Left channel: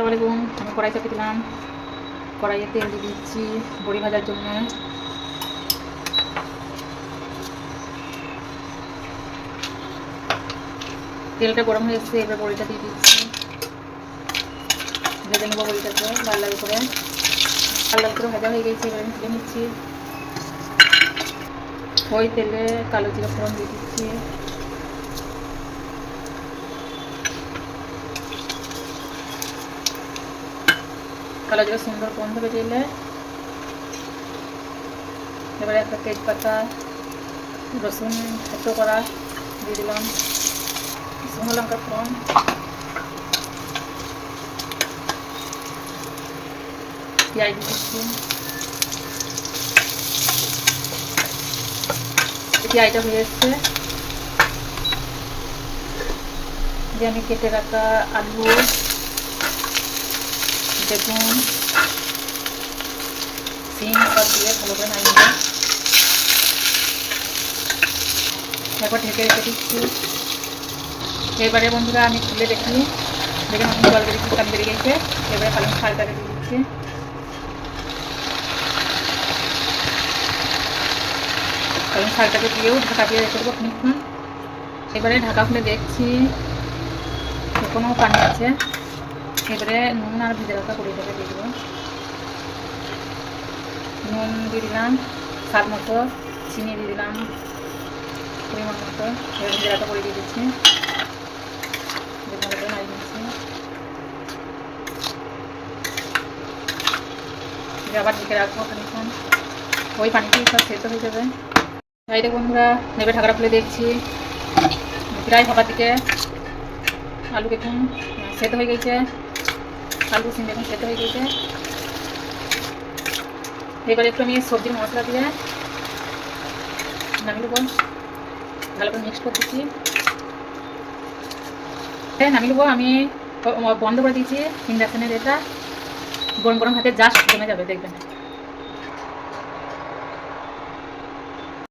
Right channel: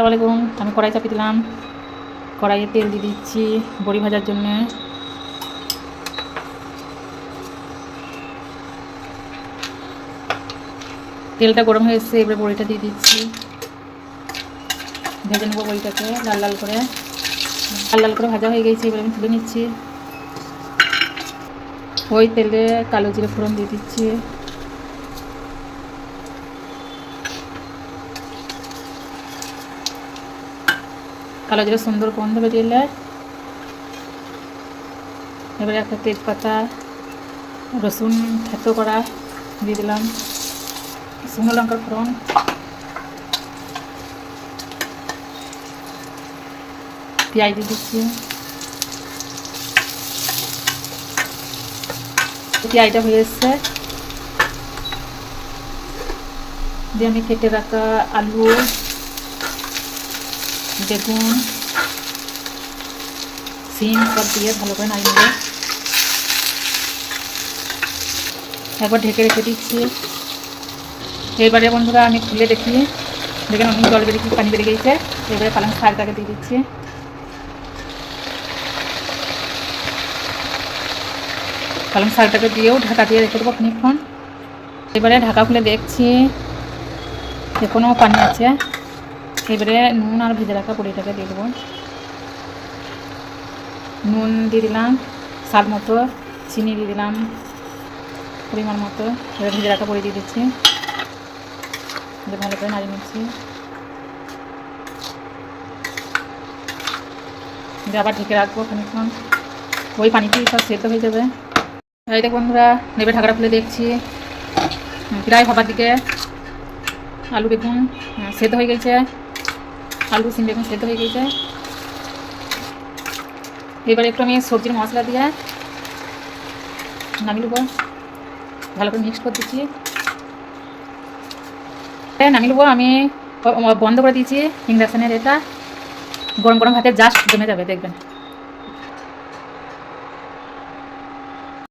আসসালামু আলাইকুম। আমি কড়াই চাপিয়ে দিলাম। কড়াইয়ে তেল দিয়ে দিচ্ছি বড়ি ভাজার জন্য। তেলটা গরম হয়ে এসছে, এবার বড়িটা দিয়ে দিচ্ছি। ভেজে নেবো বড়িটাকে লাল লাল করে। লাল লাল করে ভাজা হয়ে গেছে, এবার আমি তুলে নিচ্ছি। ওই তেলে কালো জিরে ফোড়ন দিয়ে দিচ্ছি। কালো জিরে সুন্দর গন্ধ বেরিয়ে এলে এবারে একটা তেজপাতা, রসুন থেতো করা দিয়ে দিলাম, শুকনো লঙ্কার ফোড়ন, পেঁয়াজ দিয়ে দিচ্ছি। পেঁয়াজটা হয়ে এসছে, দিয়ে আমি কেটে রাখা আলু, বেগুন, সিম সব দিয়ে ভালো করে নাড়িয়ে নেব। একবার ঢেকে রেখে দিচ্ছি। এবারে বন্ধুরা আমি খুলে দেখি, দেখে নতুন জল বেরিয়ে পানি বেরিয়ে গেছে। এবারে পালং শাকটাকে দিয়ে দিচ্ছি। পালং শাকটাকে দিয়েও ঢাকা দিয়ে রেখে দেবো খানিকক্ষণ। এবারে ঢাকা খুলে দেখছি এখনও পানি আছে। এবারে নুন আর ভেজে রাখা বড়িটাকে দিয়ে দেবো। নুন দিয়ে দিলাম স্বাদ মতো, চিনি দিয়ে দিলাম পরিমাণ মতো। এবার ভেজে রাখা বড়ি দিয়ে দিচ্ছি, ভালো করে নাড়িয়ে নিচ্ছি। আবার ঢেকে রাখবো খানিকক্ষণ, ওই পানিতেই সব সেদ্ধ হয়ে যাবে। এইটা বন্ধুরা নেবে ঢাকাটা খুলে দেখছি, প্রায় ভাবার দিকে আলু বেগুন সেদ্ধ হয়ে গেছে। আলু সিম বেগুন সেদ্ধ হয়ে গেছে। এবার একটু আমি সবজির মশলা দিয়ে নামিয়ে নেবো, ভালো করে মিক্স করে দিচ্ছি। নামিয়ে নেবো। আমি বন্ধ করে দিয়েছি ইন্ডাকশানের। এটা গরম গরম ভাতে জাস্ট জমে যাবে, দেখবেন।